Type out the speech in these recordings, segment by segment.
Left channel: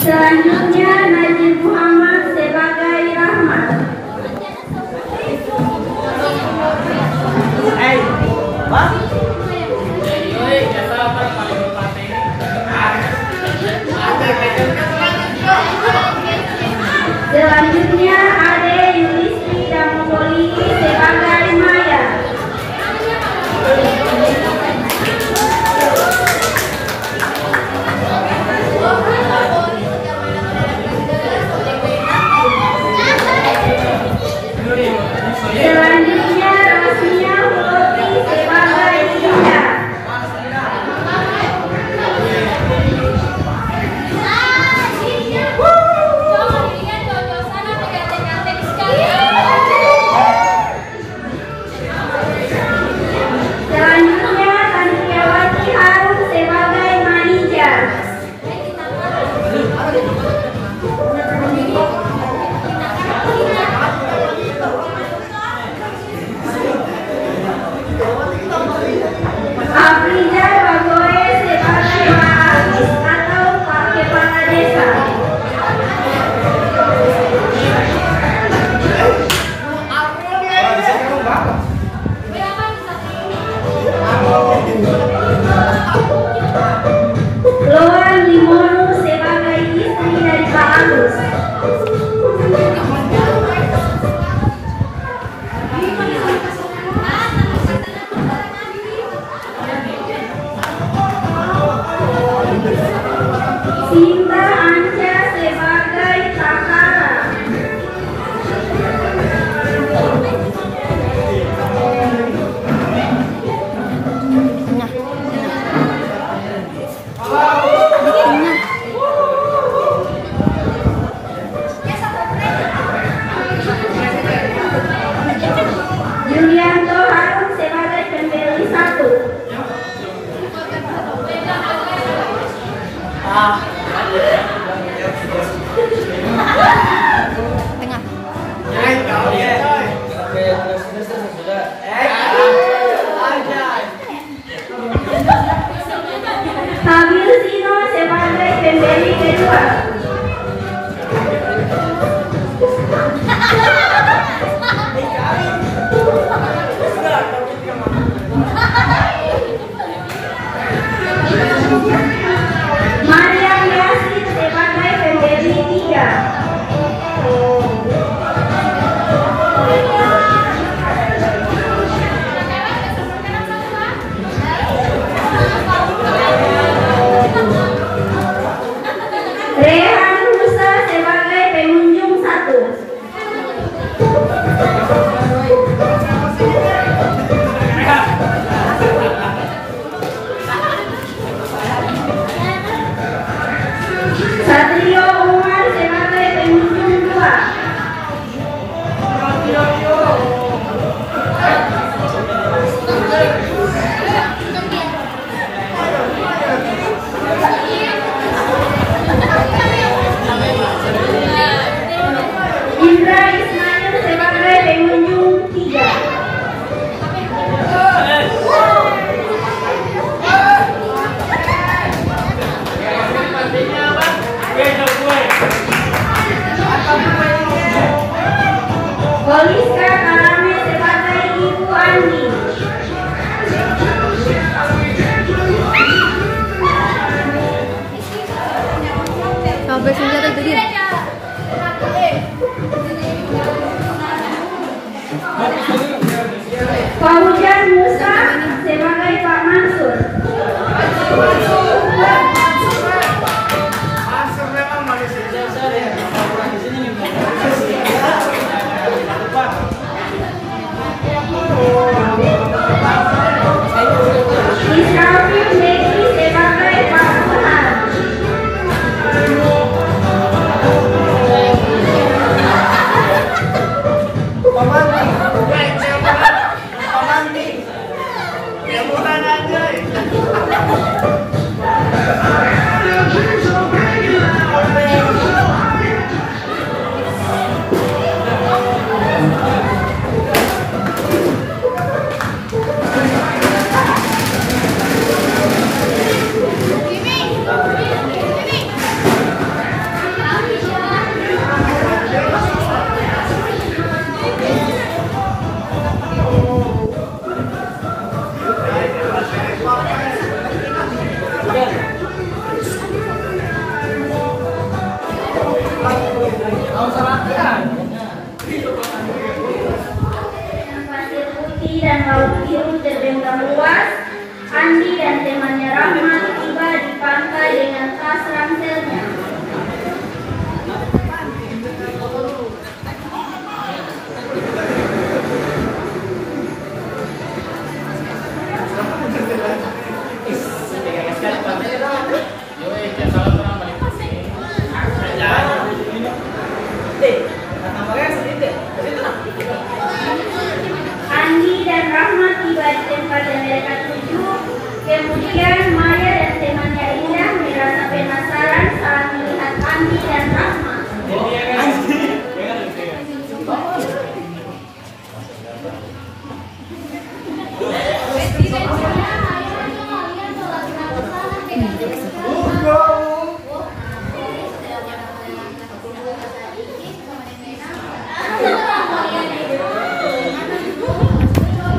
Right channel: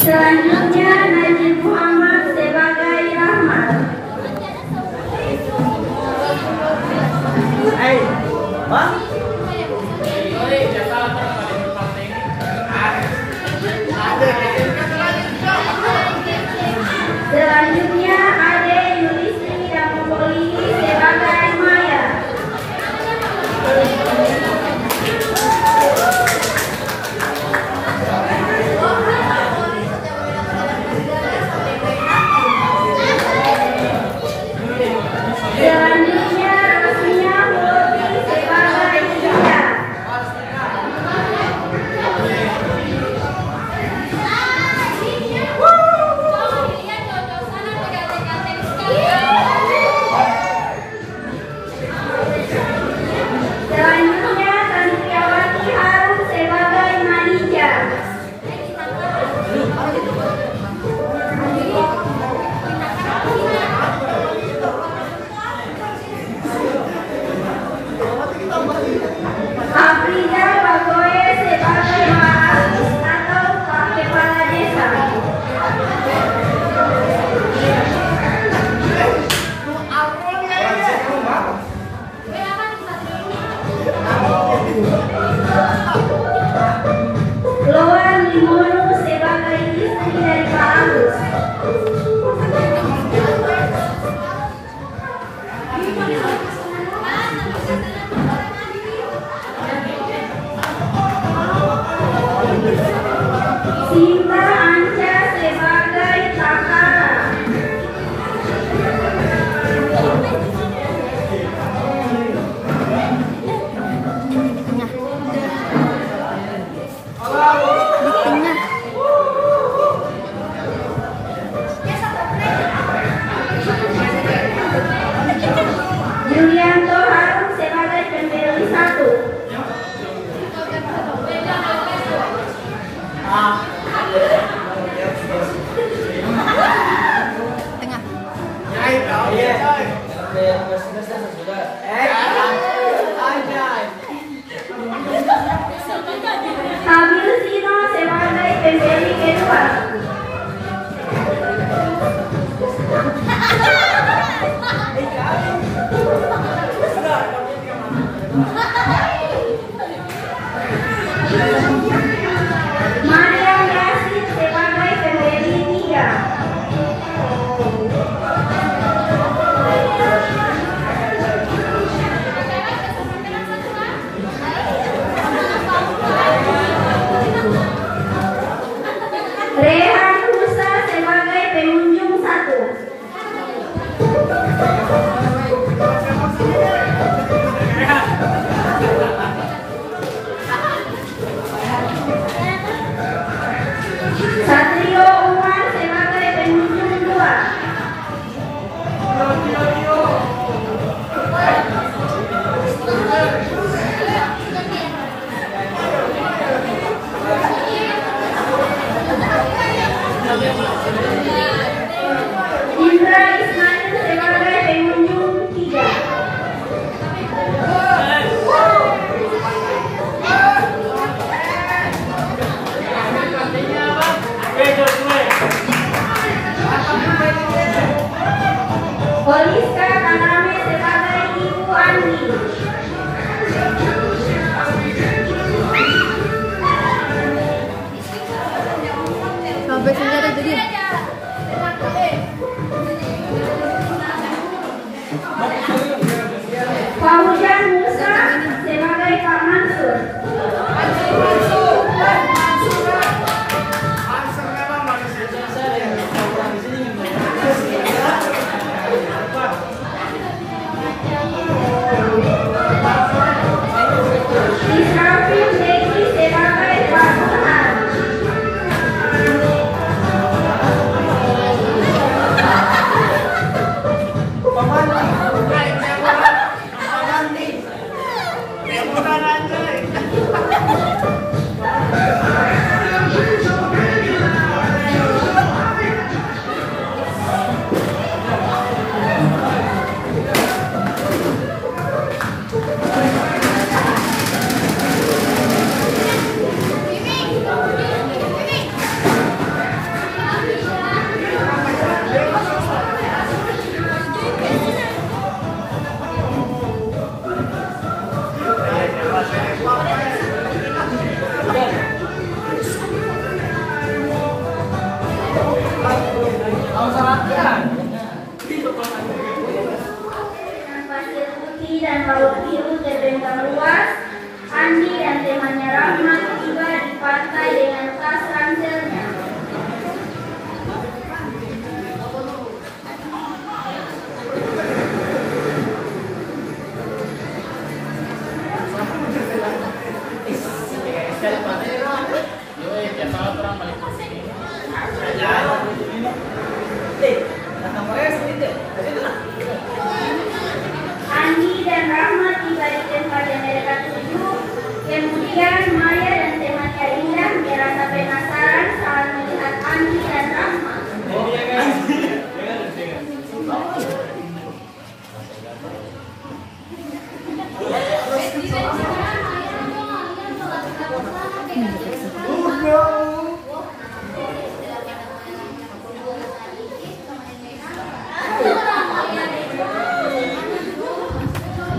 Selanjutnya Najib Muhammad sebagai Rahmat. Selanjutnya Ade Yulistri Damopoli sebagai Maya. Selanjutnya Rosmina Putri sebagai Dinda. Selanjutnya Tanikyawati Harum sebagai Manija. Afrida Bagoe sebagai Haris atau Pak Kepala Desa. Loan Limono sebagai istri dari Pak Agus. Sinta Anja sebagai Takara. Julianto Harum sebagai pembeli 1. Tengah. Kabil Sino sebagai pembeli kedua. Mariam Yasin sebagai pembeli 3. Rehan Musa sebagai pengunjung 1. Satrio Umar sebagai pengunjung 2. Indra Ismail sebagai pengunjung 3. Poliska Karame sebagai Ibu Andi. Sampai senjata itu dia. Fauzan Musa sebagai Pak Mansur. Israfil Beki sebagai Pak Burhan. Kemudian Maya dan temannya Indah merasa penasaran saat melihat Andi dan Rahma.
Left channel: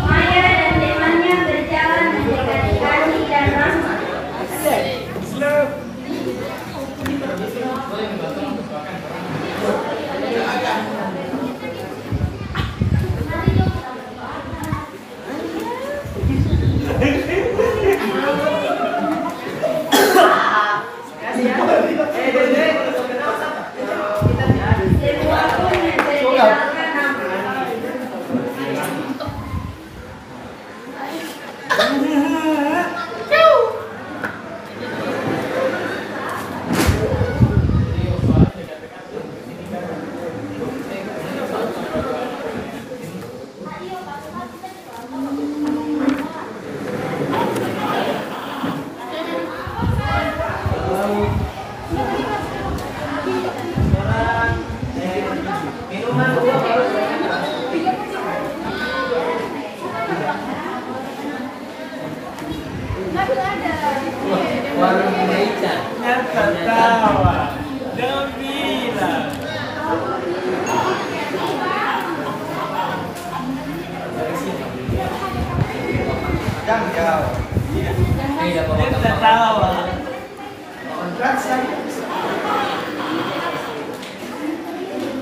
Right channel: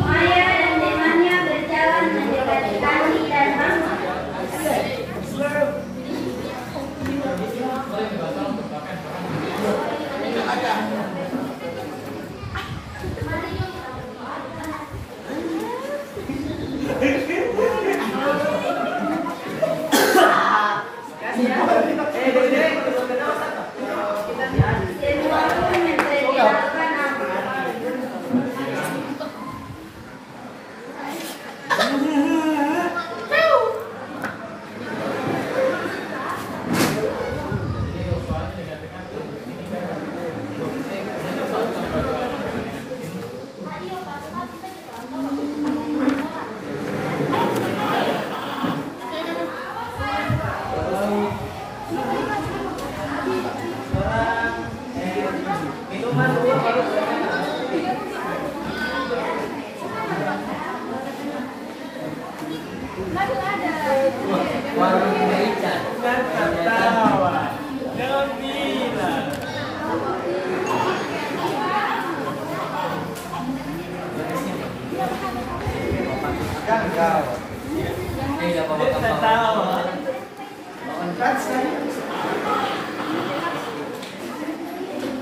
Maya dan temannya berjalan mendekati Andi dan Rahma. Sebuah pohon yang berjalan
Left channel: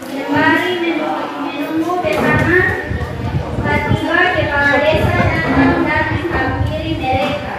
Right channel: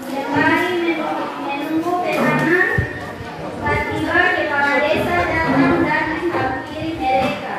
Sembari menunggu pesanan, tiba-tiba kepala desa datang dan menghampiri mereka.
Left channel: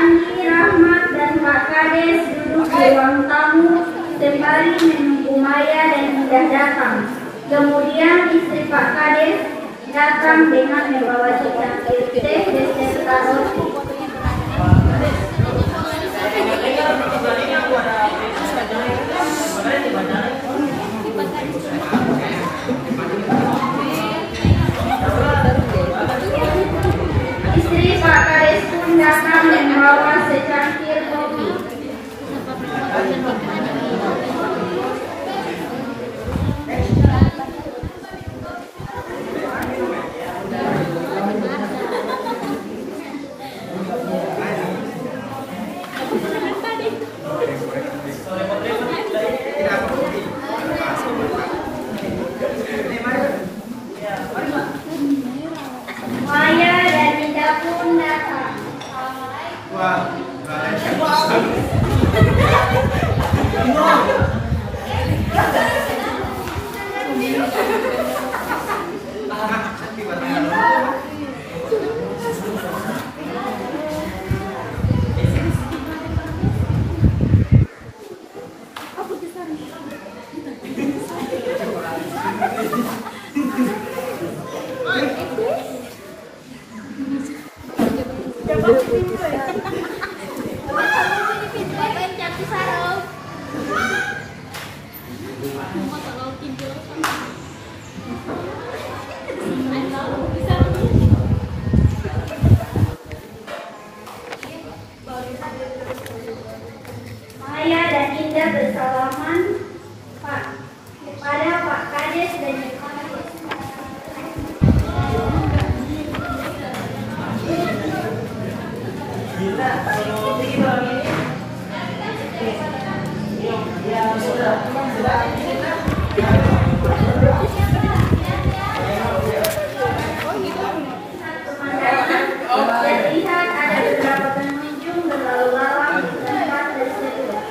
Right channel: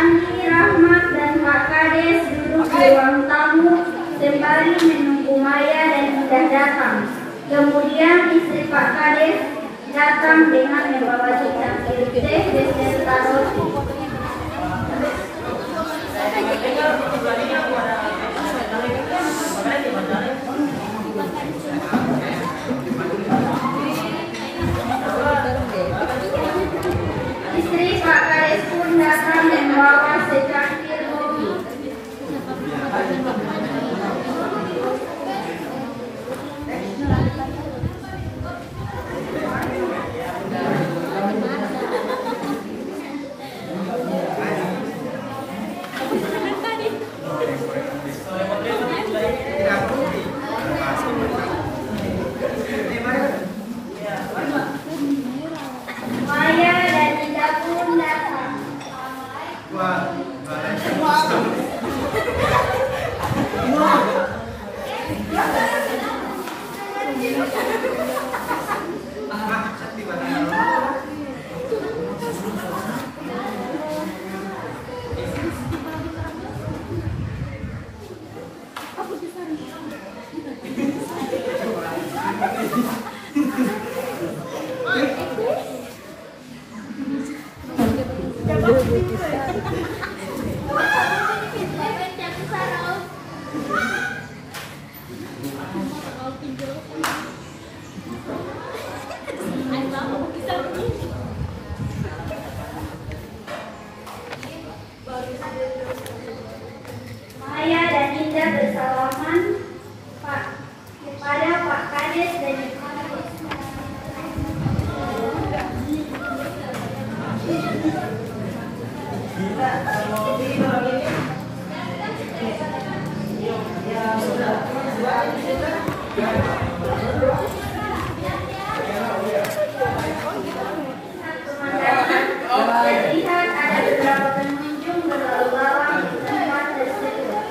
Akhirnya Pak Kades duduk di ruang tamu sembari menunggu Maya dan Indah datang. Kemudian istri Pak Kades datang dengan membawa secangkir teh beserta roti. Istri Pak Kades pun datang membawa secangkir kopi. Maya dan Ida pun datang. Maya dan Ida bersalaman kepada Pak Kades dan terlihat ada beberapa pengunjung berlalu lalang di tempat tersebut.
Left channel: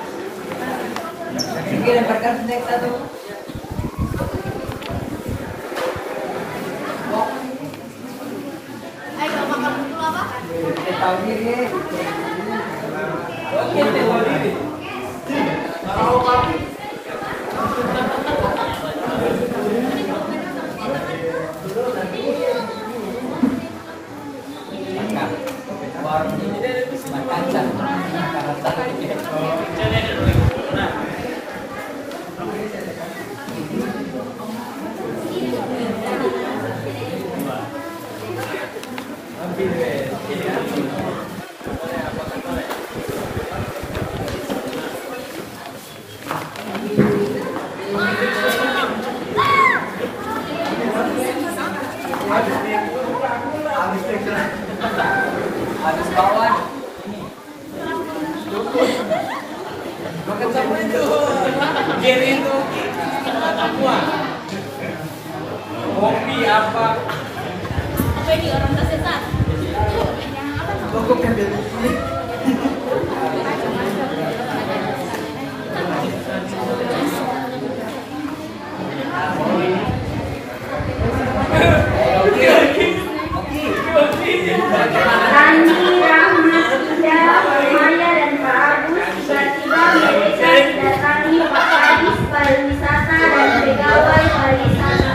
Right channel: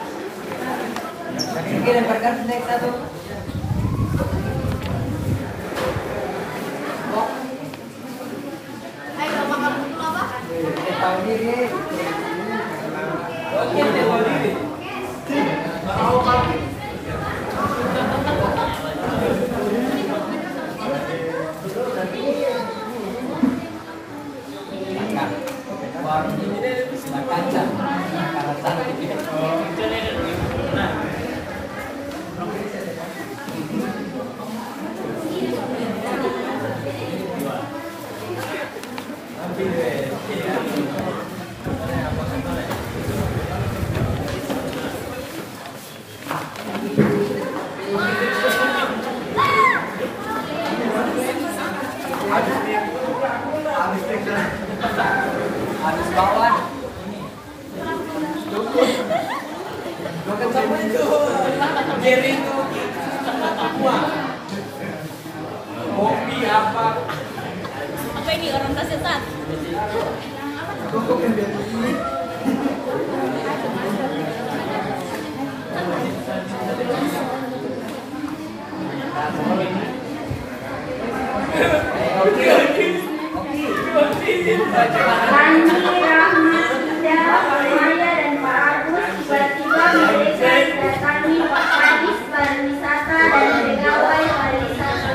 Kopi apa? Apa ini orang Tasesa? Rani, Rahma, Ida, Maya dan Pak Agus tiba-tiba mereka didatangi Pak Kadis Pariwisata dan pegawai pariwisata.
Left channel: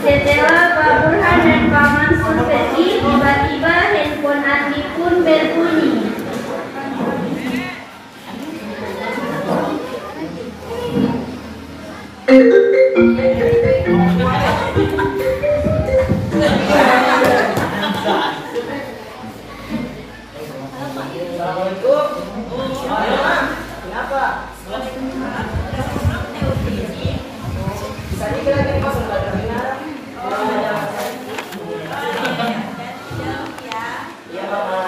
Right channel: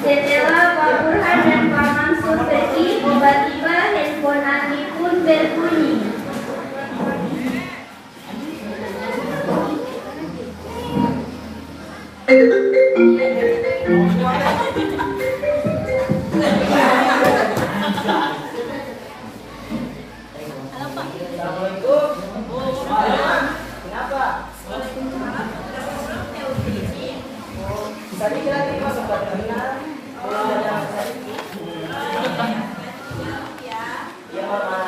Setelah Pak Burhan dan Pak Mansur pergi, tiba-tiba handphone Admi pun berbunyi. Assalamualaikum. Kenapa? Tadi lagi masuk dengar. Iya, Mama.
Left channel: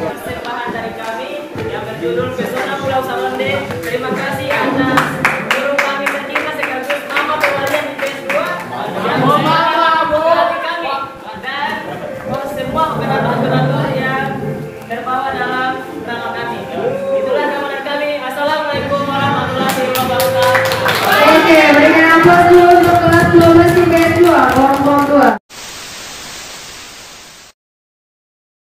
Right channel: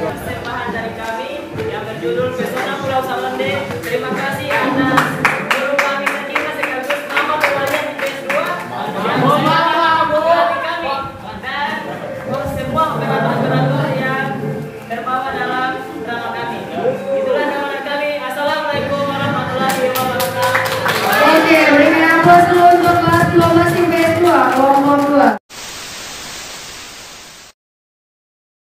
Persembahan dari kami yang berjudul Pesona Pulau Salande. Terima kasih atas guru kami tercinta sekaligus mama pelarian di PS2 yang memberkati kami dan semua penonton-penonton yang terbawa dalam drama kami. Itulah drama kami. Assalamualaikum warahmatullahi wabarakatuh. Oke,